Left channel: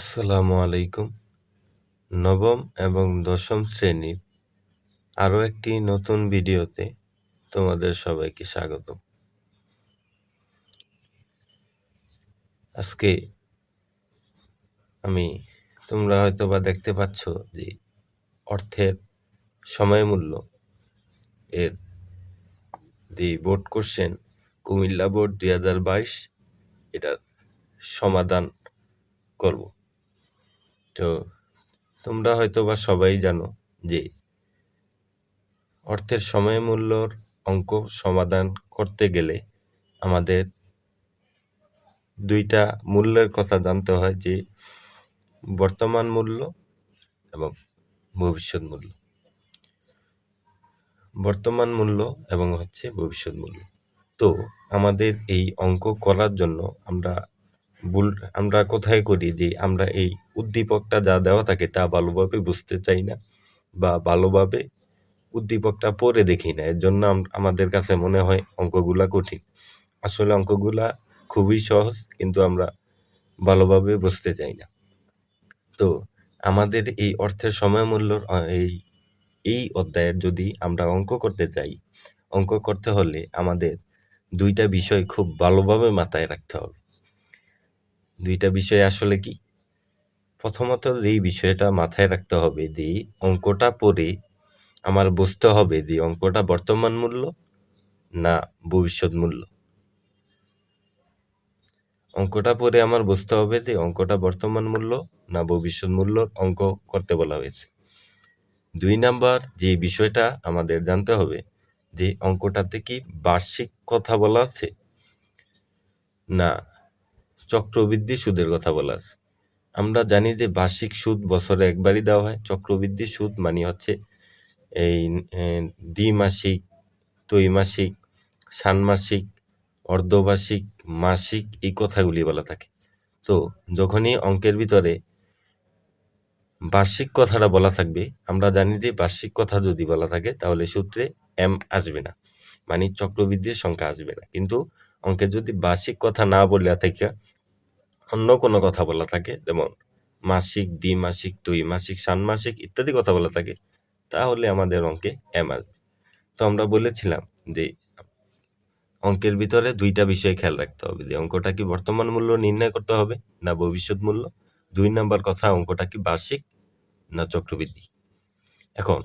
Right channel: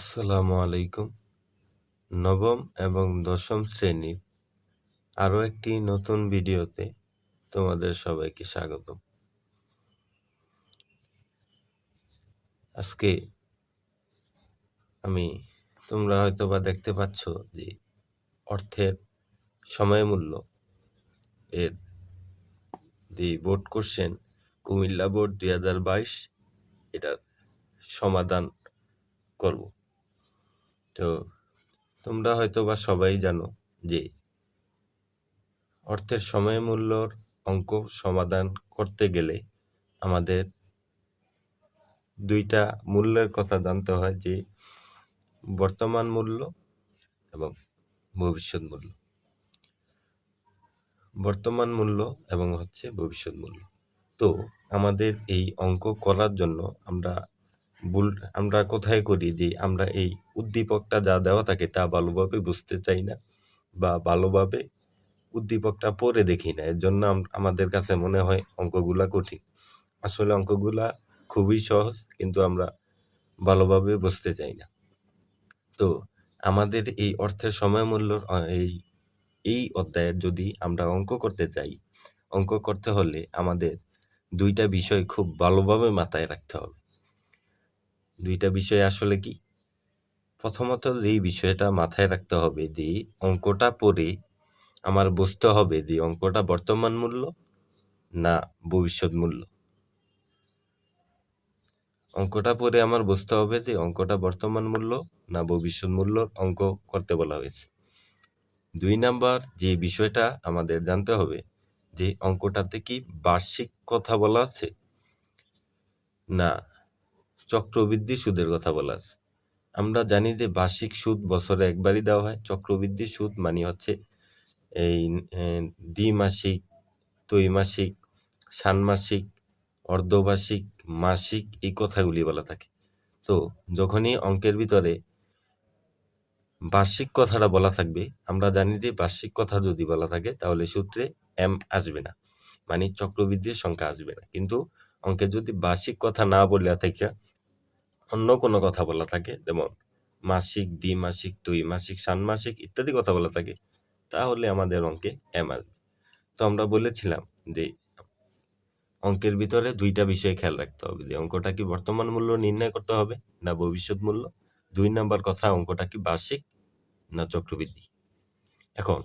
আসসালামু আলাইকুম। নবম এবং দশম শ্রেণীর আরও একটি নতুন ভিডিওতে তোমাদের সবাইকে স্বাগতম। আজকে তোমরা হয়তোবা দেখতে পাচ্ছ যে অর্থের সময় মূল্য এর বোর্ড কোশ্চেন কুমিল্লা বোর্ড 2022 এটার সমাধান করব। তো তোমরা হয়তোবা সবাই জানো যে অর্থের সময় মূল্যর অঙ্ক সমাধান করতে গেলে আমাদের দুইটা মূল্যের কথা জানতে হয়, যে বর্তমান মূল্য এবং ভবিষ্যৎ মূল্য। বর্তমান মূল্য এবং ভবিষ্যৎ মূল্য। তো আমাদের এই অঙ্ক করার জন্য আমরা কোথায় করি যে আমরা এই উদ্দীপকটা যা দেওয়া থাকে তা ভালোভাবে বুঝতে চাই না বা ভালোভাবে উদ্দীপকটা পড়ে দেখি না। এর জন্য আমাদের কাছে মনে হয় অঙ্কগুলা কঠিন। আসলে অঙ্কগুলা খুবই সহজ, কিন্তু আমরা ভালোভাবে বুঝতে চাই না। তো আমাদের এই অর্থের সময় মূল্যর এই অধ্যায়ের যদি আমরা অঙ্ক করতে চাই, অঙ্ক করতে হলে আমাদের দুইটা বিষয় খুব ভালোভাবে মাথায় রাখতে হবে। দুইটা বিষয় আসলে কি? প্রথমত যেই বিষয়টা মাথায় রাখতে হবে যে অঙ্কটা পড়ে আমার বুঝতে হবে যে অঙ্কটা বর্তমান মূল্য না ভবিষ্যৎ মূল্য। অঙ্কটা পড়ে আমার বুঝতে হবে যে অঙ্কটা বর্তমান মূল্য না ভবিষ্যৎ মূল্য অঙ্ক করতে বলা হয়েছে। 2 নাম্বার যে বিষয়টা আমাদের জানতে হবে যে অঙ্কটাতে কি বার্ষিক কথা বলা আছে না চক্রবৃদ্ধি সুদের কথা বলা আছে। আমরা জানি যে বার্ষিক সুদ বছরে একবারই দেওয়া হয়। চক্রবৃদ্ধি সুদ মানে হচ্ছে এই দ্বিমাসিক, ত্রৈমাসিক, ষান্মাসিক, অর্ধবার্ষিক, মাসিক এই কথাগুলি বলা থাকে। তো যখনই অঙ্কের ভিতরে বার্ষিক কথাটা বলা থাকবে, আমরা জানি যে বার্ষিক কথা যদি বলা থাকে তাহলে সূত্রে এম আসবে না, মানে চক্রবৃদ্ধির সংখ্যা আসবে না। কিন্তু অঙ্কে যদি বার্ষিক কথা না বলে থাকে, অন্য কোনো কথা বলা থাকে, যেমন মাসিক, দ্বিমাসিক, ত্রৈমাসিক, ষান্মাসিক ইত্যাদি কথা বলা থাকে, তাহলে আমাদের অঙ্কে এম আসবে। তো আমরা বলেছিলাম যে অঙ্কের ভিতরে দুইটা বিষয় খেয়াল রাখতে হবে, যে অঙ্কটা কি বর্তমান মূল্য নির্ণয় করতে হবে না ভবিষ্যৎ মূল্য। 2 নাম্বার কথা, অঙ্কটা কি বার্ষিক না চক্রবৃদ্ধি। এখন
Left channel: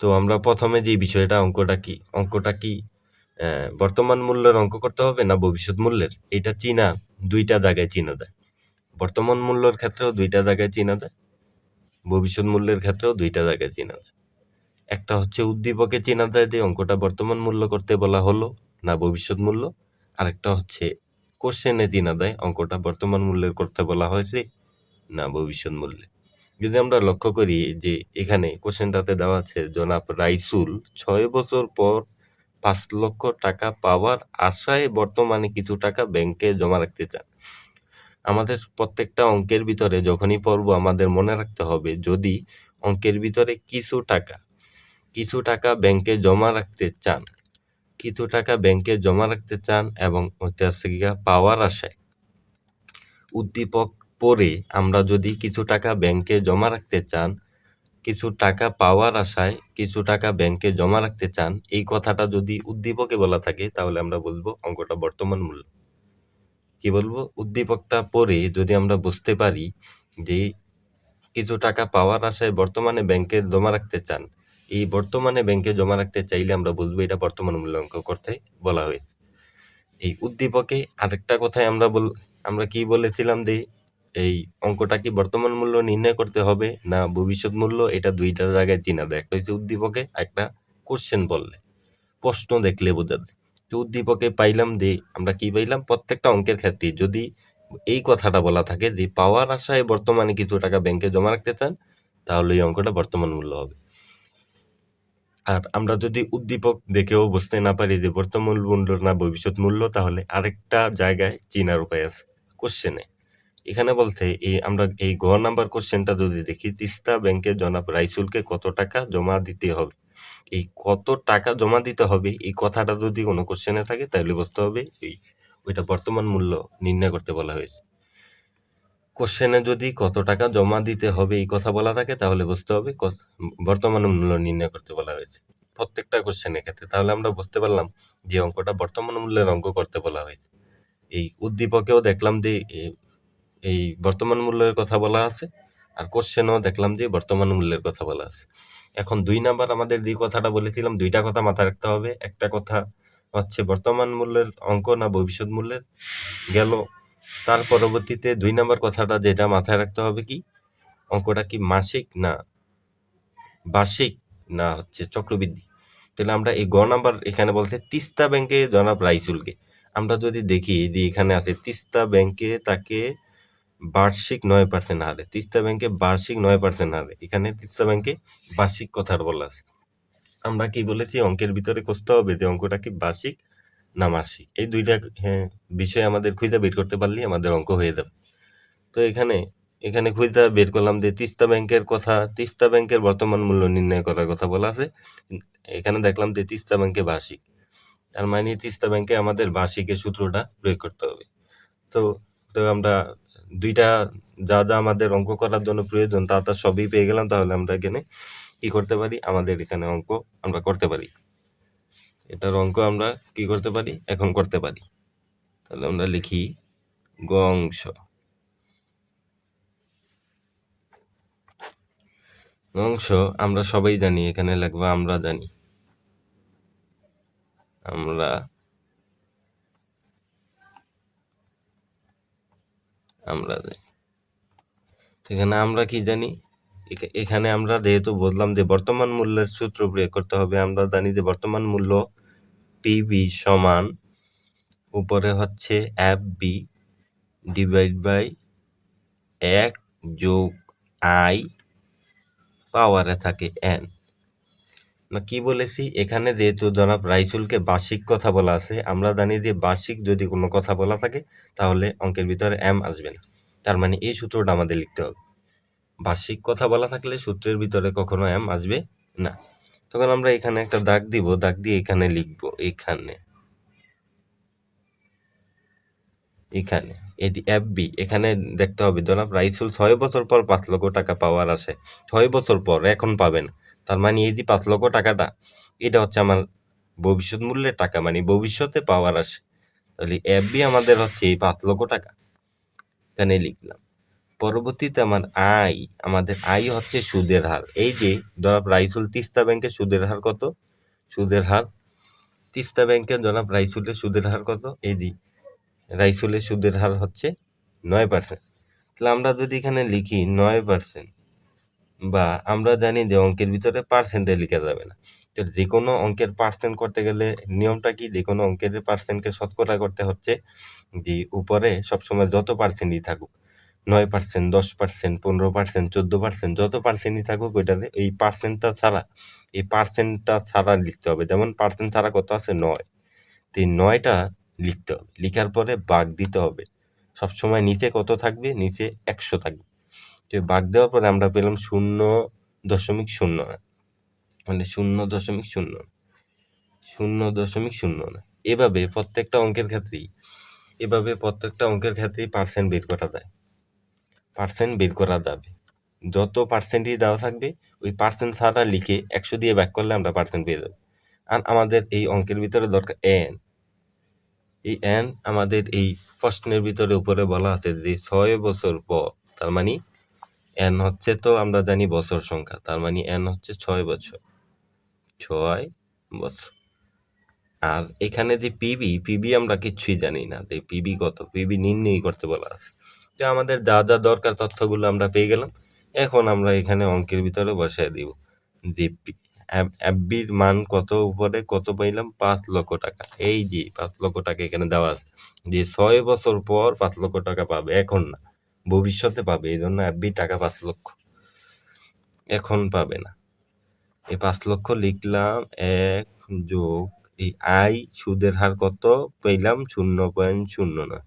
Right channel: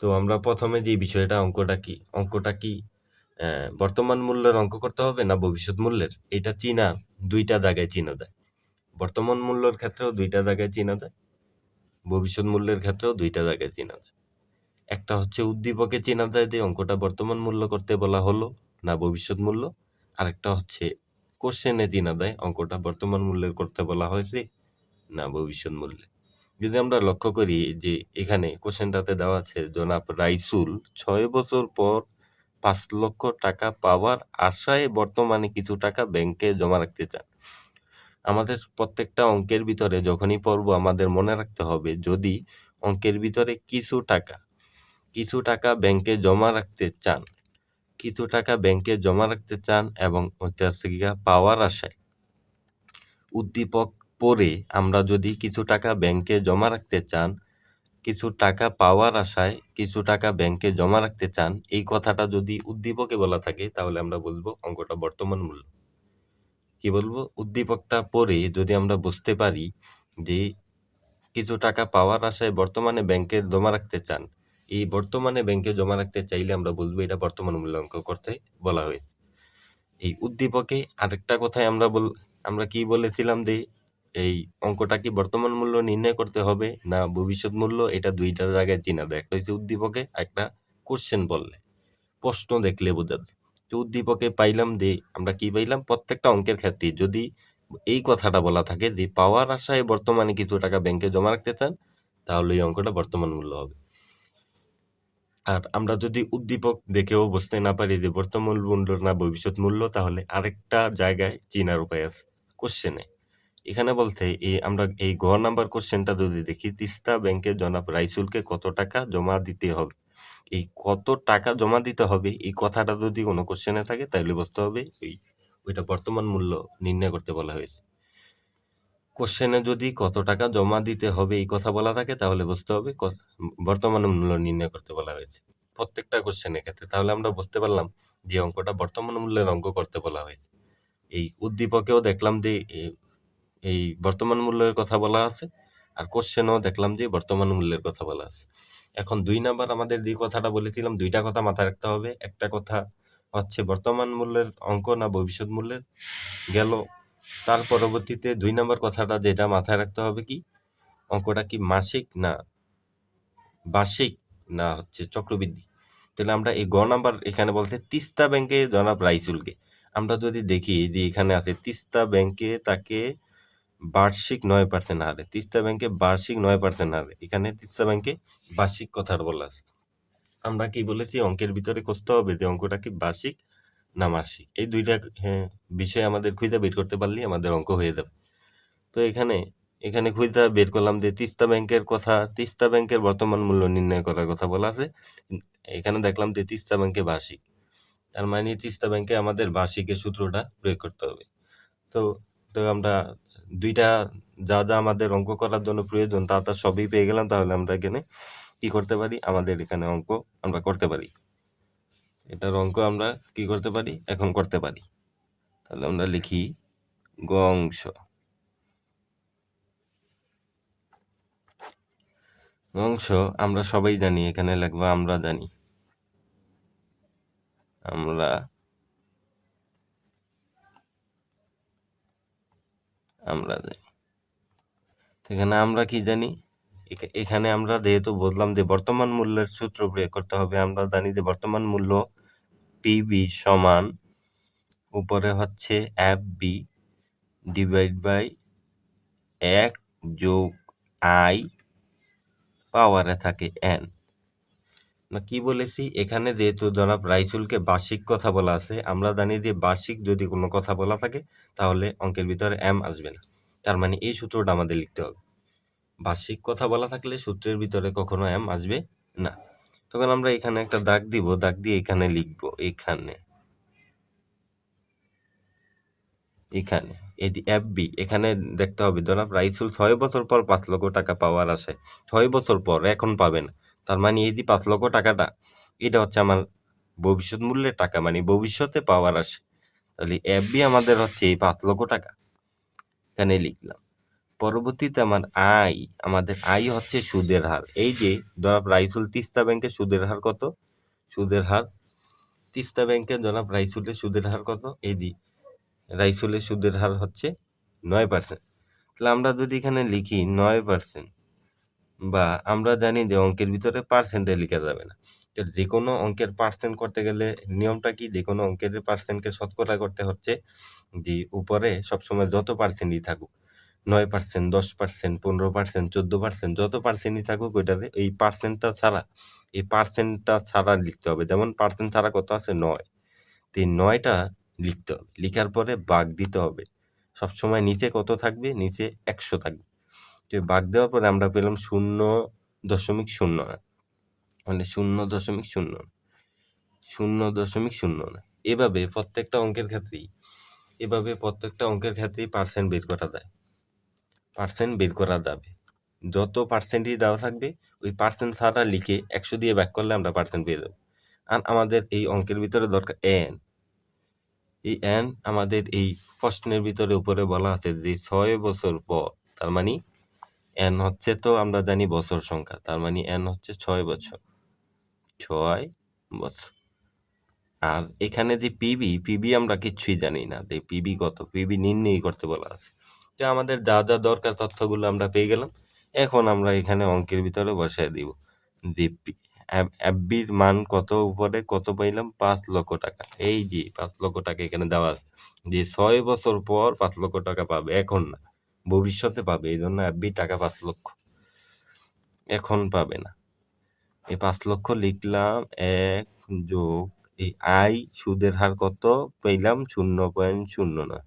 তো আমরা প্রথমে যে বিষয়টা অঙ্কটা কি বর্তমান মূল্যের অঙ্ক করতে হবে না ভবিষ্যৎ মূল্যের, এটা দুইটা জায়গায় চিনা যায়। বর্তমান মূল্যের ক্ষেত্রেও দুইটা জায়গায় চিনা যায়, ভবিষ্যৎ মূল্যের ক্ষেত্রেও দুইটা জায়গায় চিনা যায়। একটা হচ্ছে উদ্দীপকে চেনা যায় যে অঙ্কটা বর্তমান মূল্য করতে বলা হলো না ভবিষ্যৎ মূল্য। আরেকটা হচ্ছে কোশ্চেনে চেনা যায় অঙ্কটা বর্তমান মূল্যের করতে বলা হয়েছে না ভবিষ্যৎ মূল্যে। যদি আমরা লক্ষ্য করি যে এখানে কোশ্চেনটাতে দেওয়া আছে, জনাব রাইসুল 6 বছর পর 5 লক্ষ টাকা পাওয়ার আশায় বর্তমানে কিছু টাকা ব্যাংকে জমা রাখতে চান। আমাদের প্রত্যেকটা অঙ্কের ভিতরে যখনই পড়বো আমাদের মনে রাখতে হবে, যদি অঙ্কের ভিতরে কিছু টাকা ব্যাংকে জমা রাখতে চান এবং পাওয়ার আশায়, উদ্দীপক পড়ে আমরা যদি কিছু টাকা ব্যাংকে জমা রাখতে চান, কিছু টাকা পাওয়ার আশায় কিছু টাকা ব্যাংকে জমা রাখতে চান, এই কথাটা যদি উদ্দীপকে বলা থাকে তাহলে আমরা বলবো অঙ্কটা বর্তমান মূল্য। কি বলবো? উদ্দীপকটা পড়ে যদি আমরা বুঝতে পারি যে কিছু টাকা পাওয়ার আশায় বর্তমানে ব্যাংকে জমা রাখতে চান, এই বর্তমানে ব্যাংকে জমা রাখতে চাইলে আমরা বলবো এটা বর্তমান মূল্য অঙ্ক করতে বলা হয়েছে। এই উদ্দীপকে আরেকটা কথায় আমরা কি বলেছিলাম যে এই অঙ্কটা কি বর্তমান মূল্য নির্ণয় করতে হবে না ভবিষ্যৎ মূল্য, এটা দুইটা জায়গায় চিনা যায়। একটা হচ্ছে উদ্দীপকে, একটা কোশ্চেন বললে, প্রশ্ন দেখলে বোঝা যায়। তো উদ্দীপকে পাইলাম যে আমরা কি পাইলাম, প্রত্যেকটা অঙ্কের ক্ষেত্রে যদি এই কথাটা বলা থাকে যে পাওয়ার আশায় বর্তমানে কিছু টাকা ব্যাংকে জমা রাখতে চান, তাহলে এই অঙ্কটা বর্তমান মূল্য হবে। আর আমরা যদি উদ্দীপক দেখেও বুঝতে না পারি যে বর্তমান মূল্য না ভবিষ্যৎ মূল্য, তাহলে আরেকটা জায়গায় চিনার উপায় আছে, কোশ্চেনে। এখানে বলতে আমরা এই ঘ নাম্বার কোশ্চেনটা যদি দেখি, তিস্তা ব্যাংকে জনাব রাইসুলকে কত টাকা জমা দিতে হবে, এই কত টাকা জমা দিতে হবে এই কথাটা যদি কোনো কোশ্চেনে থাকে তাহলে বুঝতে হবে ওইটা বর্তমান মূল্য নির্ণয় করতে বলা হয়েছে। কোশ্চেনে যদি কত টাকা জমা দিতে হবে এই কথা বলা থাকে তাহলে বুঝতে হবে বর্তমান মূল্য নির্ণয় করতে বলা হয়েছে প্রত্যেকটা কোশ্চেনের ক্ষেত্রে। তাহলে আমরা বুঝতে পারলাম যে অঙ্কটা বর্তমান মূল্যের অঙ্ক করতে বলা হয়েছে। এই উদ্দীপকেও দেখলাম যে এই বর্তমান মূল্যের কথা বলা আছে, আর কোশ্চেনও দেখলাম যে বর্তমান মূল্যের কথা বলা আছে। এখন ২ নাম্বার আমাদের যে কথাটা বলেছিলাম, ২ টা কথা মাথায় রাখতে হবে। একটা কথা হচ্ছে বর্তমান মূল্যের অঙ্ক না ভবিষ্যৎ মূল্যের, গেল। তার পরবর্তীতে ২ নাম্বার কথাটা যেটা মাথায় রাখতে হবে কি, অঙ্কটা কি মাসিক না বার্ষিক না হচ্ছে চক্রবৃদ্ধি। তাহলে আমরা এই গ নাম্বার এখানে বলছে তিস্তা ব্যাংকে জনাব রাইসুলকে। আমরা যদি দেখি যে এখানে আছে তিস্তা ব্যাংকে তাকে বার্ষিক ৯% হারে, তিস্তা ব্যাংকে বার্ষিক ৯% হারে, এখানে তিস্তা ব্যাংকে বার্ষিক কথার বলা আছে। আমরা কি বলেছি অঙ্কের ভিতরে খুঁজতে হবে যে অঙ্কটা কি বার্ষিক না মাসিক, এই দুইটা বিষয় আমাদের খুঁজে বের করতে পারলেই আমাদের অঙ্ক হয়ে যাবে। তো এখানে এখানে খুঁজে বের করলাম যে তিস্তা ব্যাংকের কথা, তিস্তা ব্যাংকের বর্তমান মূল্য নির্ণয় করার কথা বলা আছে। এখানে দেখলাম যে তিস্তা ব্যাংকে বার্ষিক, তার মানে তিস্তা ব্যাংকে আমাদের বার্ষিকের সূত্রটা প্রয়োগ করতে হবে। তো তো আমরা দুইটা যা যা আমাদের অঙ্ক করার জন্য প্রয়োজন তা সবই পেয়ে গেলাম। তাহলে আমরা এখানে কি করতে পারি, আমাদের এখানে অঙ্ক আমরা করতে পারি, এটার অঙ্ক আমরা কি করতে পারি এখন করতে পারি। তাহলে আমরা লিখি গ অংশ। অংশ আমরা সবাই জানি, এখানে লিখবো আমরা জানি, আমরা আমরা জানি। এখানে আমরা কি জানি, এখানে আমরা যেহেতু বললাম যে বর্তমান মূল্যের সূত্র প্রয়োগ করতে হবে, আমরা জানি যে বর্তমান মূল্য পিবি সমান উপরে হচ্ছে এফ বি ডিভাইড বাই 1 যোগ আই পাওয়ারে থাকে এন। কি বলেছি, এখানে যেহেতু জনাব রাইসুলকে বার্ষিক কথা বলা আছে, আমরা জানি যে বার্ষিক যদি কোনো কথা বলা থাকে তাহলে অঙ্কের ভিতরে এম আসবে না। তার মানে এই সূত্রটা আমাদের লিখতে হবে, বার্ষিক কথা বলা থাকলে সূত্রের ভিতরে কখনো এম আসবে না। তখন আমরা এখানে একটা দাগ দিব, দাগ দিয়ে এখানে লিখবো, এখানে এখানে এফ বি, এখানে দেখতে হবে জনাব রাইসুল 6 বছর পর 5 লক্ষ টাকা পাওয়ার আছে, 6 বছর পর, এখন পাবেন। তার মানে এই যে 5 লক্ষ টাকাটা, এটা হচ্ছে আমার ভবিষ্যৎ মূল্যের টাকা, মানে ভবিষ্যতে পাওয়ার আসে। তাহলে এফ বি আমাদের হচ্ছে এই 5 লক্ষ টাকা, এখানে লিখলাম। পরবর্তীতে আমাদের আই হচ্ছে সুদের হার। এই যে জনাব রাইসুল তিস্তা ব্যাংকের সুদের হার কত, সুদের হার তিস্তা ব্যাংকের জনাব রাইসুলের সুদের হার কত, এই যে রাইসুলের সুদের হার হচ্ছে 9%। তাহলে আমরা যদি এখানে লিখি 9%, বা আমরা জানি যে অঙ্কের ভিতরে পার্সেন্টে লিখা যাবে না। তো যে কোনো অঙ্কের পার্সেন্ট করতে গেলে নিয়মটা কি, যে কোনো অঙ্কের পার্সেন্টকে শতকরা করতে হচ্ছে যে উপরে সবসময় যত পার্সেন্টই থাকুক, 9%, 10%, 15%, 14%, যত পার্সেন্টই থাকুক ওইটাতে এই পার্সেন্টটা ছাড়া লিখতে হবে। যেমন পার্সেন্ট ছাড়া কত আছে 9, তো এই 9টা লিখতে হবে, লিখার পরে ভাগ দিতে হবে। সবসময় নিচে কত থাকবে, নিচে 100 থাকবে। তো ভাগ দেওয়ার পরে আমরা পেলাম 0.0, মানে 0.0, এভাবে প্রত্যেকটা অঙ্কের ক্ষেত্রেই পার্সেন্ট বের করা যায়, পার্সেন্ট বের করা যাবে। যত পার্সেন্টই দেওয়া থাকবে ওই পার্সেন্ট ছাড়া লিখে 100 দিয়ে ভাগ করলে আমরা পার্সেন্ট পেয়ে যাবো। আর আমাদের এই অঙ্কের ভিতরে দরকার এন। এই এন আমাদের এই প্রশ্নের ভিতরে উপরে বলা আছে যে 6 বছর পর, তার মানে এন হচ্ছে, তো আমরা জানি বছর সংখ্যা, তার মানে এন হচ্ছে 6 বছর, 6 বছর। আর এখানে যে পিবি আমরা কিচ্ছুই জানি না, যে পিবি কত, পিবি নির্ণয় করতে বলা আছে। তো আমাদের যা যা দরকার তথ্যগুলো আমরা পেয়ে গেলাম। এখন আমরা এখানে অঙ্কের ভিতরে বসায় দিব যে এফবির মান কত, উপরে কত পাইলাম, 5 লক্ষ টাকা। এই যে 5 লক্ষ টাকা এখানে দেওয়া আছে, যে 6 বছর পর 5 লক্ষ টাকা পাবে, এখন না ভবিষ্যতে পাবে, এই জন্য এফবির টাকা 5 লক্ষ, এখন পাবে না। এই 5 লক্ষ লিখলাম, 1 যোগ এই আই সুদের হার কত পেলাম, 0.09।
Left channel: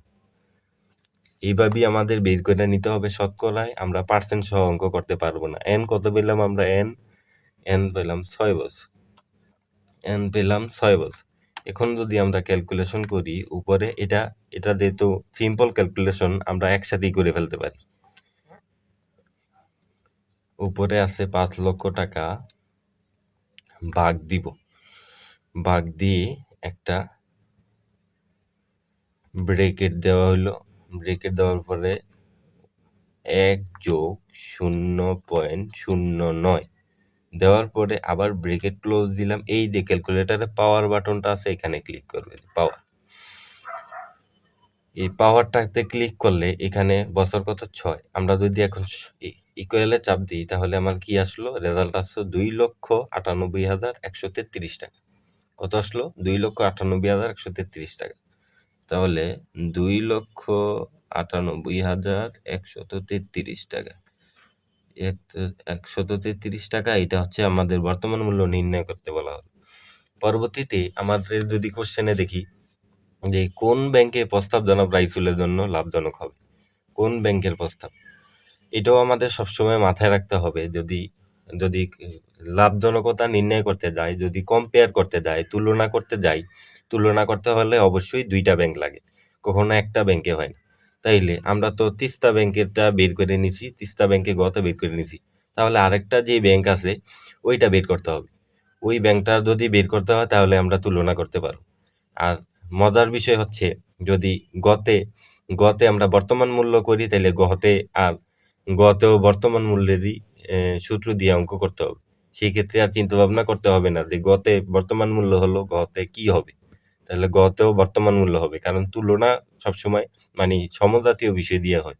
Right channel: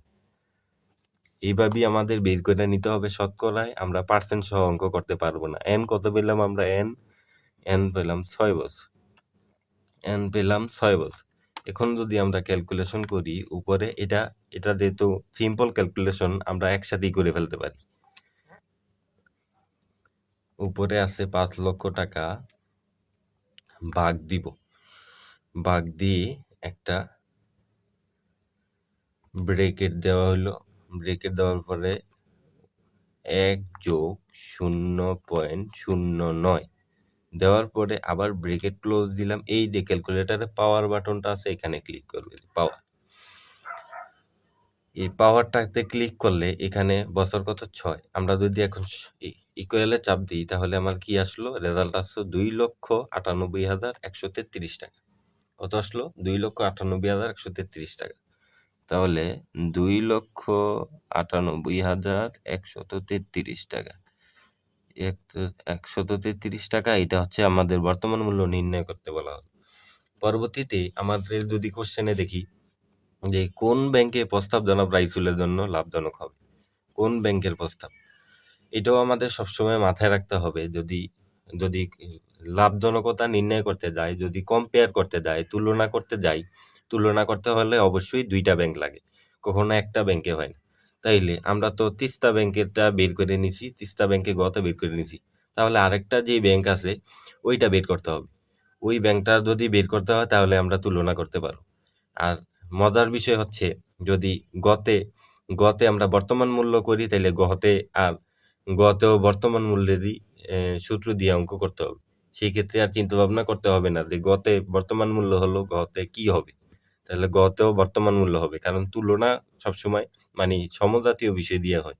এইভাবেই আমাদের বের করে নিতে হবে শতকরায়, আমরা পার্সেন্ট সহ অঙ্ক করতে পারবো না। এন কত পেলাম আমরা, এন পেলাম 6 বছর, এন পেলাম 6 বছর। এখন যদি আমরা ক্যালকুলেশন করি উপরে, এটা যেহেতু সিম্পল ক্যালকুলেশন আমরা একসাথেই করে ফেলতে পারি। উপরে আছে 5 লক্ষ টাকা, ভাগ দিব, ভাগ দিয়ে একটা ব্রেকেট দেওয়া হলো, ব্রেকেট দেওয়ার পরে 1+0.09 দেওয়ার পরে আবার ব্রেকেট ক্লোজ দিলাম। এই যে ক্যালকুলেটরে পাওয়ার বাটনটা আছে, এখানে ক্লিক করবে, পাওয়ার। এই পাওয়ারটাতে ক্লিক করলে এখানে বছর কত 6। আমরা যদি এখন ইকুয়ালে চাপ দিই তাহলে আমার কি আসলো, রেজাল্ট আসলো 2,98,133 টাকা। কত আসলো? 2,98,133 টাকা। তাহলে 2,98,133 টাকা, 133 টাকা, এটা হচ্ছে আমাদের বর্তমান মূল্য নির্ণয় করতে বলা হলো। পরবর্তীতে আমাদের যদি কোশ্চেনে দেখি যে কোন ব্যাংকে প্রস্তাব জনক রাইফেলের জন্য লাভজনক হবে, কোন ব্যাংকের প্রস্তাব, এটাও আমাদের সবসময় মাথায় রাখতে হবে। যদি যদি লাভজনকতা নির্ণয় করতে যাই, যদি কম্পেয়ার করতে যাই, তুলনা করতে যাই, তুলনা করতে হলে অবশ্যই 2টা ব্যাংক লাগে, কখনো একটা ব্যাংকে হয় না। তাইলে আমরা তো তিস্তা ব্যাংকেরটা বের করে নিছি, তিস্তা ব্যাংকে গত বের করে নিছি, তাহলে আরেকটা যে ব্যাংক আছে ওইটা বের করতে হবে। ওই ব্যাংকটা যদি বের করতে হয় তাহলে আমরা তুলনা করতে পারবো। আর মজার বিষয় হচ্ছে, যদি গতে গতে আমরা বর্তমান মূল্য করি তাহলে গতেও বর্তমান মূল্যেরই সূত্র দিয়ে অঙ্ক করতে হবে। সেই ক্ষেত্রে আর চিন্তা ভাবনা করতে হবে না যে গতে বর্তমান মূল্য হলো, গতে কি হবে, তাহলে গতেও বর্তমান মূল্য হবে। কারণ তুলনা সবসময় মানে সমজাতীয় বিষয় দিয়ে হয়,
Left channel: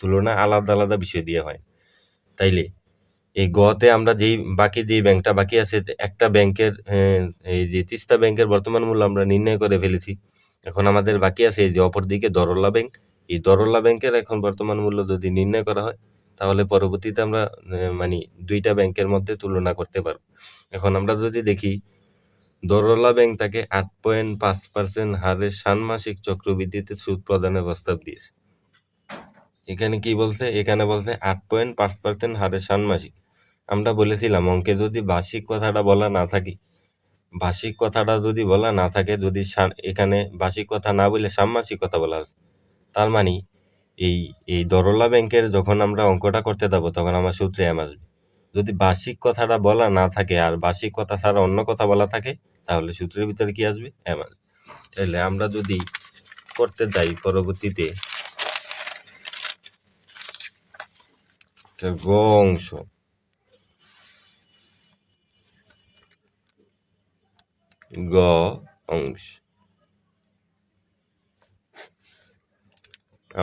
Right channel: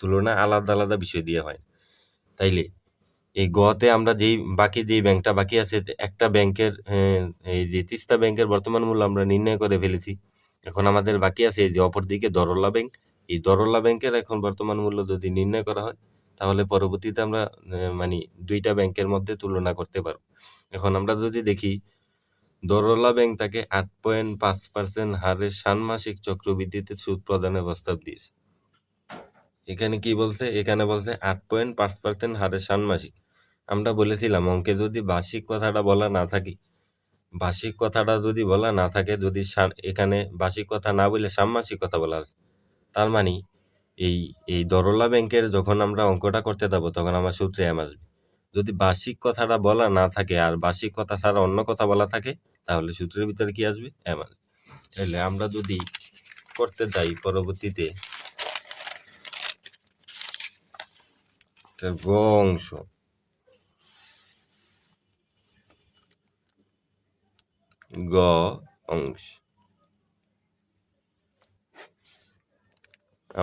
তুলনা আলাদা আলাদা বিষয় দিয়ে হয়। তাইলে এই গতে আমরা যেই ব্যাংকটা বাকি আছে, একটা ব্যাংকের এই যে তিস্তা ব্যাংকের বর্তমান মূল্য আমরা নির্ণয় করে ফেলেছি। এখন আমাদের বাকি আছে এই যে অপরদিকে দরলা ব্যাংক। এই দরলা ব্যাংকের এখন বর্তমান মূল্য যদি নির্ণয় করা হয় তাহলে পরবর্তীতে আমরা মানে 2টা ব্যাংকের মধ্যে তুলনা করতে পারবো। এখন আমরা যদি দেখি, দরলা ব্যাংক তাকে 8.5% হারে ষান্মাসিক চক্রবৃদ্ধিতে সুদ প্রদানের প্রস্তাব দিয়েছে। এখানে কি বলছে? এখানে বলছে 8.5% হারে ষান্মাসিক। আমরা বলেছিলাম অঙ্কে যদি বার্ষিক কথাটা বলা না থাকে, বার্ষিক কথাটা যদি বলা না থাকে, যদি এখানে বার্ষিক কথা না বলে ষান্মাসিক কথা বলা আছে, তার মানে এই এই দরলা ব্যাংকের যখন আমরা অঙ্কটা করতে যাবো তখন আমার সূত্রে এম আসবে। যদি বার্ষিক কথাটা বলা না থাকে আর বার্ষিক কথা ছাড়া অন্য কথা বলা থাকে তাহলে সূত্রের ভিতরে কি আসবে? এম আসবে। তাহলে আমরা যদি করতে যাই পরবর্তীতে, গ অংশ, গ অংশ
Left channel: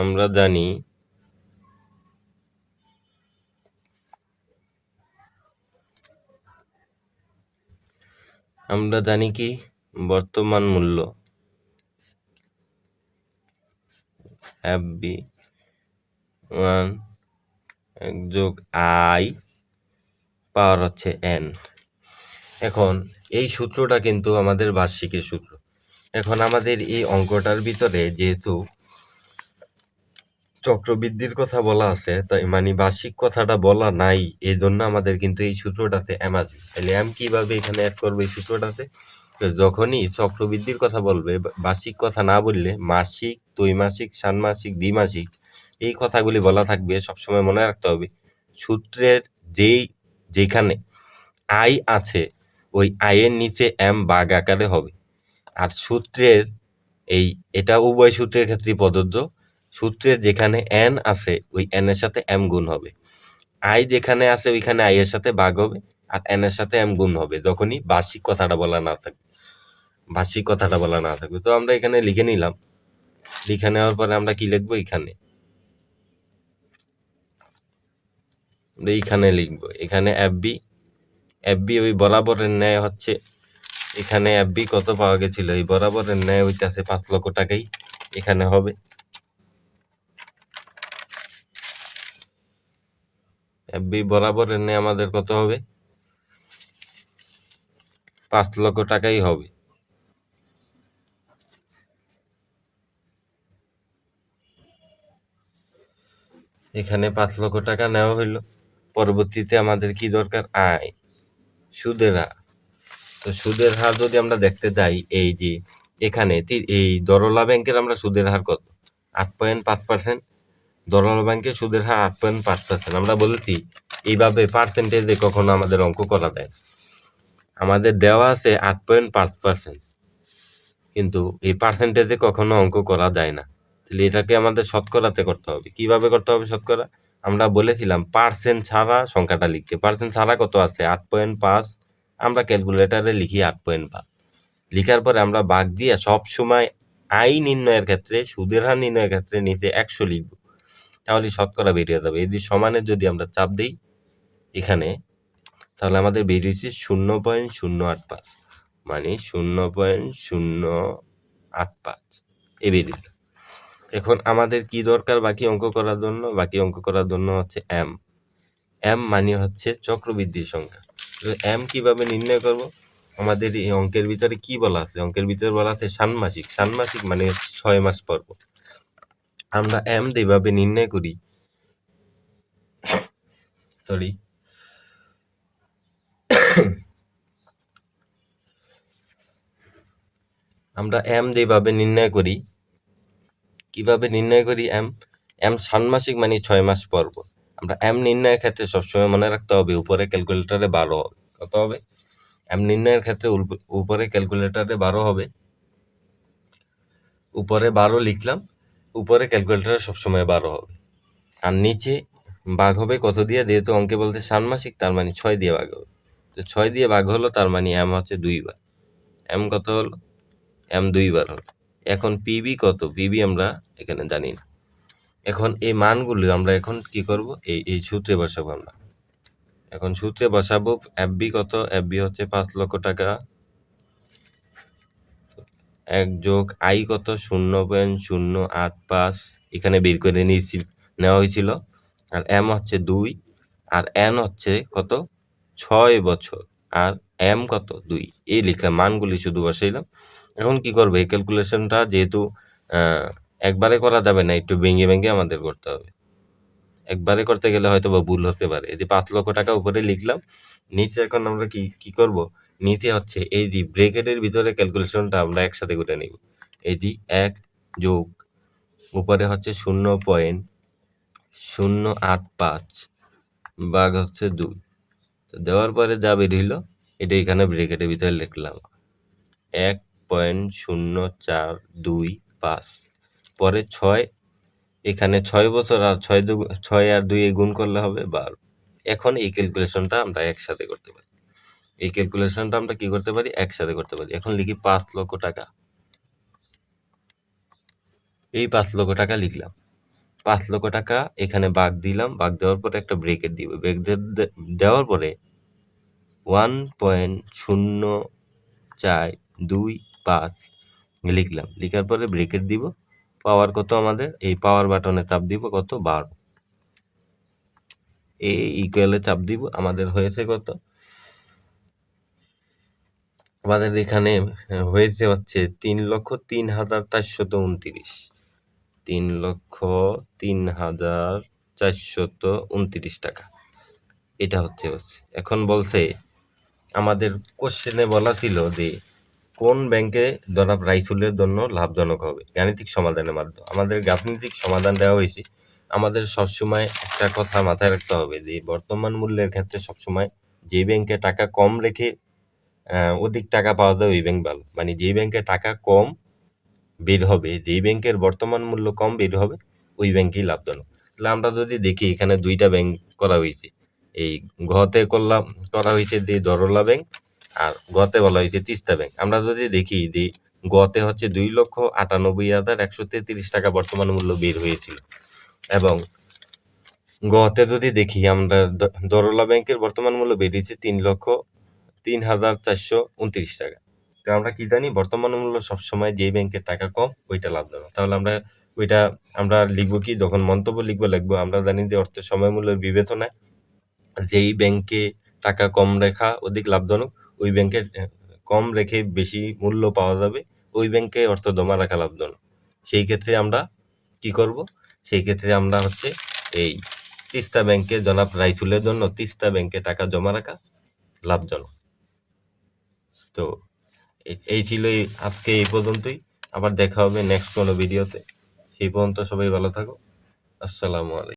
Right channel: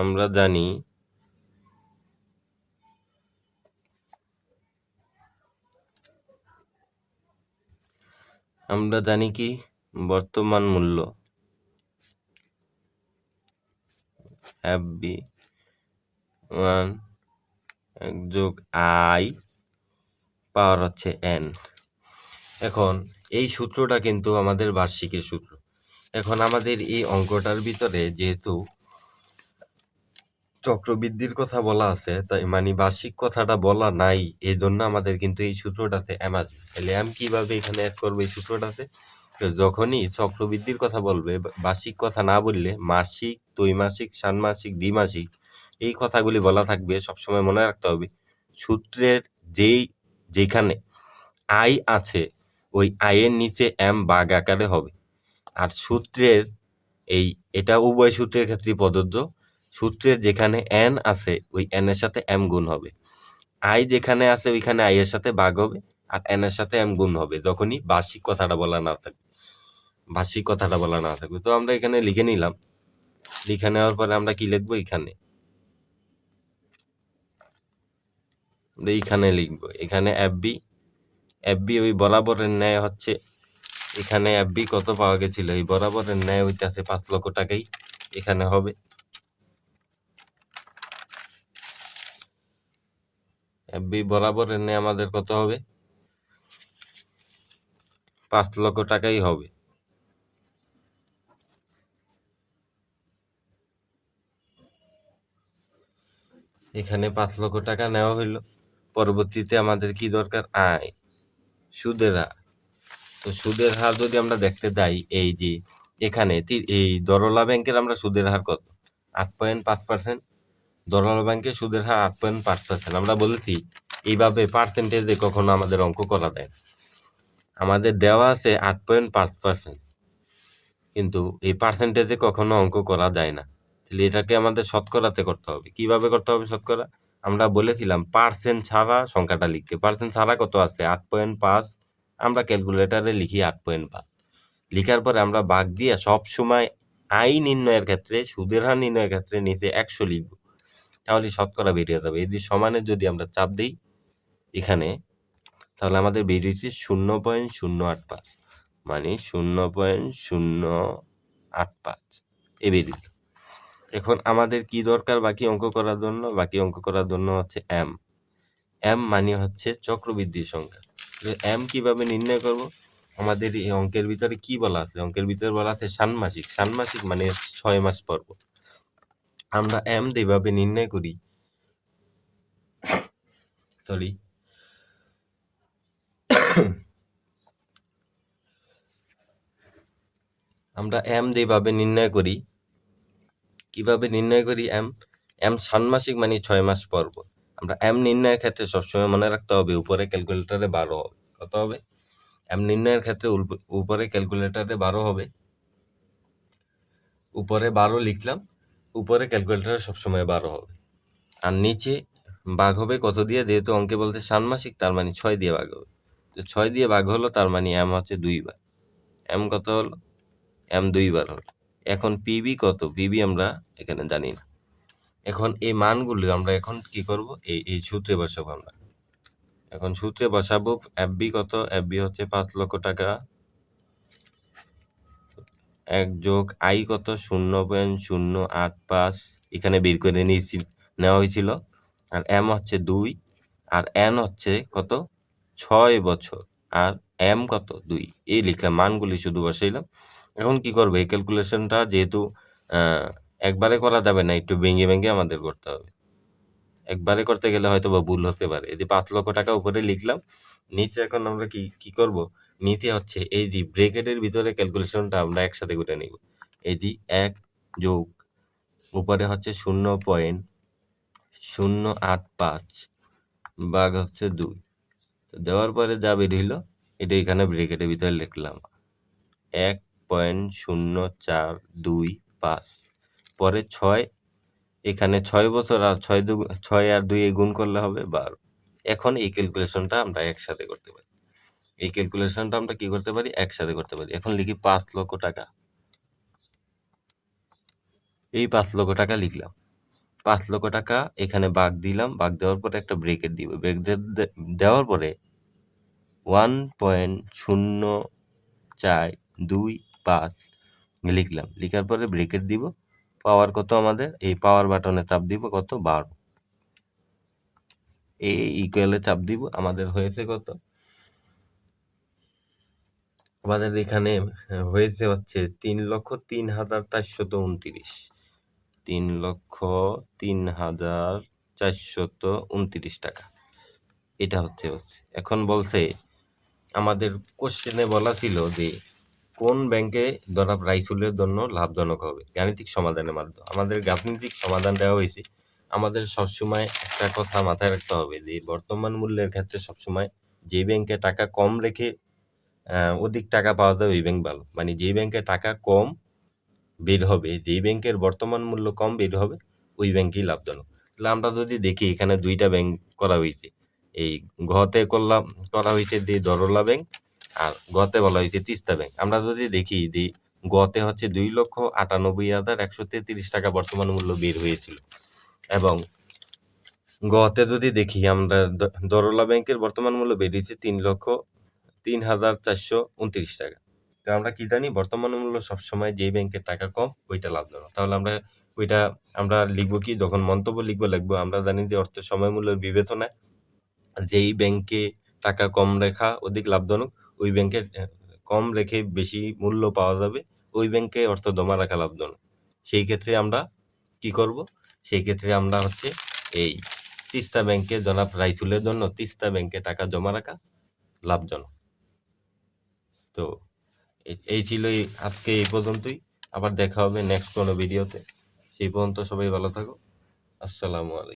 আমরা জানি কি বর্তমান মূল্য FB1 যোগ I পাওয়ার হচ্ছে n। এখন এই সূত্রটা কিন্তু আমাদের বার্ষিকের সূত্র। এখন আমাদের এই অঙ্কটার ভিতরে যেহেতু চক্রবৃদ্ধির কথা বলা আছে, তাই মানে বার্ষিক কথাটা বলা নাই, এই জন্য আমাদের কিন্তু এই সূত্রটাতে এম আসবে। তাহলে এম কিভাবে এখানে অ্যাড করবে এই সূত্রটাতে? যখনই চক্রবৃদ্ধির কথা বলবে, বার্ষিক কথা না বললে মাসিক, ত্রৈমাসিক, ষান্মাসিক, দ্বিমাসিক এই কথাগুলি বলা থাকবে। সবসময় মনে রাখতে হবে সূত্রের যেখানে আই আছে ওই আয়ের নিচে এম বাগ আকারে হবে। আর সূত্রের এটা উভয় সূত্রের ক্ষেত্রে প্রযোজ্য। সূত্রের যেখানে এন আছে ওই এন এর সাথে এম গুণ হবে, আই যেখানে আছে ওইখানে আই এর সাথে ভাগ হবে, আর এন এর সাথে এম গুণ হবে যখনই বার্ষিক কথাটা বলা না থাকবে, বার্ষিক কথাটা বলা না থাকবে। তো আমরা এখানে লিখে নিলাম, লিখে নেওয়ার পরে আমরা কি লিখবো, এইখানে লিখবো, এখানে এফবি ওই বরাবরের ন্যায় হচ্ছে, এখানে এফবি কত পাওয়া গেছিল, এই বরাবরের ন্যায় হইতেছে 5 লক্ষ টাকাই এখানে হবে। এফবি বরাবরের ন্যায় আমাদের কত হবে, 5 লক্ষ টাকাই হবে। এখানে 5 লক্ষ টাকা নেওয়া হইলো। পরবর্তীতে আমাদের কি দরকার, আয়, সুদের হার। তো সুদের হার যদি আমরা দেখতে যাই, এই যে এখানে এই দরলা ব্যাংকের আমরা সুদের হার কত, 8.5%। দরলা ব্যাংকের সুদের হার 8.5%। আমরা বলছি এইভাবে পার্সেন্টেজে কখনো আমাদের অঙ্ক করা যায় না। আমাদের দেওয়া আছে 8.5%, কিন্তু এই পার্সেন্টেজে কখনো অঙ্ক করা যায় না। তাহলে এটাকে আমাদের শতকরাতে করতে হবে। কিভাবে করতে হবে শতকরা? আমরা বলেছিলাম পার্সেন্ট ছাড়া সংখ্যাটা লিখতে। পার্সেন্ট ছাড়া কত আছে? 8.5। আমরা ক্যালকুলেটারে লিখি 8.5। লিখার পরে আমরা ভাগ দিয়ে সব সময় আয় নির্ণয়ের ক্ষেত্রে, সুদের হার নির্ণয়ের ক্ষেত্রে নিচে 100 লিখব। তাহলে শতকরা বেরিয়ে যাবে। এই যে সমানের যদি আমরা চাপ দিই এখানে, তাহলে আমাদের বেরিয়েছে 0.085, মানে 0.085 এ বেরিয়ে। এখন আমাদের কি দরকার বাকি অঙ্ক করার জন্য? বাকি অঙ্ক করার জন্য হচ্ছে এম। এম মানে হচ্ছে চক্রবৃদ্ধির সংখ্যা। এম কিভাবে নির্ণয় করব? আমাদের এই অঙ্কের ভিতরে কি বলা আছে? অঙ্কের ভিতরে বলা আছে ষান্মাসিক। ষান্মাসিক মানে 6 মাস পর পর। আমরা এম যেভাবে নির্ণয় করি, আমরা এম যেভাবে নির্ণয় করি, কিভাবে নির্ণয় করি এম? এম ষান্মাসিক মানে 6 মাস পর পর। আমরা এম নির্ণয়ের ক্ষেত্রে সবসময় মনে রাখতে হবে উপরে ক্যালকুলেটরে 12 হবে। কত হবে? এম নির্ণয়ের ক্ষেত্রে উপরে ক্যালকুলেটরে 12 হবে। উপরে 12 লিখলাম, উপরে ক্যালকুলেটরে সবসময় 12 হবে। আর নিচে ভাগ হবে কত দিয়ে? যেহেতু অঙ্কে বলতে ষান্মাসিক, তার মানে 6 দিয়ে ভাগ হবে। তো 6 দিয়ে ভাগ হলো, তার মানে এম হচ্ছে 2 বার। এম কত হলো? এম 2 বার হলো। এখন পিবি কত? পিবি আমরা এখানে জানি না। এখন এই মানগুলো আমরা এখন কি করব? এই সূত্রে বসাবো আমরা। এখন সূত্রে বসাবো এফবি কত? এফবি হচ্ছে 5 লক্ষ টাকা। 1 যোগ আই কত? 0.085 এখানে বের করে নেওয়া হয়েছিল। আর এম হচ্ছে 2, আর এন হচ্ছে কত? 6 বছর। আর এম কত? 2। এই লিখে মানগুলি শুধু বসাইলাম। এখন কি করবো? এই ক্যালকুলেশনটা যেহেতু একবারে করা যাবে না, একটু ভেঙে ভেঙে আমাদের করতে হবে। একবারে করতে গেলে হয়তো বা ভুল হতে পারে। এই যে 5 লক্ষ টাকা উপরে লিখলাম, নিচে এখন আমরা কি করব? নিচে হচ্ছে এই যে ব্র্যাকেটের ভিতরে ক্যালকুলেশনটা আমরা একসাথে করে নিব। এই যে 1 যোগ উপরে হচ্ছে 0.085 ভাগ হচ্ছে 2, দেওয়ার পরে যা বেরিয়েছিল এটা এখানে ব্র্যাকেটের ভিতরে লিখলাম 1.0425। পরে 6, এখানে 6 বছর, আর 6 আর 2 গুণ করলে হবে 12। এখন এই ক্যালকুলেশনটা আমরা একসাথে করতে পারি। এই ক্যালকুলেশনটা আমরা কি করতে পারি? একসাথে করতে পারি। এখন লিখি 5 লক্ষ টাকা। এই 5 লক্ষ টাকা লিখলাম। 5 লক্ষ টাকা এখানে ভাগ দিলাম। ভাগ দেওয়ার পরে একটা ব্রেকেট দিব। ব্রেক দেওয়ার পরে 1.0425 লিখলাম। লিখার পরে ব্রেকেট দিব। পাওয়ার কত আমাদের? এই পাওয়ার বাটনে চাপ দিব কত? 12। এই ইকুয়ালে চাপ দিব। আমাদের হয়েছে কত? আমাদের এখানে হয়েছে হচ্ছে 3,03,429। 3,03,429 টাকা। এটা হচ্ছে। এখন বলছে আমাদের কোশ্চেনে বলা ছিল যে কোন ব্যাংকে জনাব রাইসুলের জন্য লাভজনক হবে? গাণিতিক সমাধানের মাধ্যমে আমাদের গাণিতিক সমাধান দেওয়া হয়েছে। আমাদের সবসময় একটা কথা মাথায় রাখতে হবে যে বর্তমান মূল্যের ক্ষেত্রে সবসময় যে ব্যাংকে টাকা কম রেখে অধিক টাকা পাওয়া যায় ওই ব্যাংক ভালো। মানে যেই ব্যাংকে টাকা কম বের হবে, যেই ব্যাংকের বর্তমান মূল্য কম বের হবে, ওই ব্যাংকই লাভজনক। তাহলে আমরা যদি দেখি এখানে 2টা ব্যাংক করা হয়েছে। এই ঘতে করা হয়েছে যে দরলা ব্যাংক, আর গতে বলা হয়েছে তিস্তা ব্যাংক। আমরা যদি দেখি যে গতে হচ্ছে 2,98,133 টাকা বর্তমান মূল্য বের হয়েছিল, এবং গতে যদি দেখি আমরা দরলা ব্যাংকের বর্তমান মূল্য বেরিয়েছে 3,03,429 টাকা। তো আমরা কি জানি? বর্তমান মূল্য সবসময় যেই ব্যাংকের টাকা কম ওইটা লাভজনক। তাহলে আমরা লিখবো কি? যখন মন্তব্য লিখবো আমরা জানি যে অর্থের সময় মূল্যের বিবেচনায় যেই ব্যাংকে টাকা কম রাখা অধিক লাভজনক, ওই ব্যাংকে কম রেখে বেশি মূল্য পাওয়া যাবে, ওই ব্যাংকে অর্থ জমা রাখা লাভজনক। সেই ক্ষেত্রে আমরা কি করব? সেই ক্ষেত্রে আমরা হচ্ছে এই তিস্তা ব্যাংকে জনাব রাইসুলের জন্য তিস্তা ব্যাংকে টাকা জমা রাখা লাভজনক। তো এই ছিল আজকে এই পর্যন্তই। আবার দেখা হবে নেক্সট কোনো ভিডিওতে। সেই পর্যন্ত সবাই ভালো থাকো। আসসালামু আলাইকুম।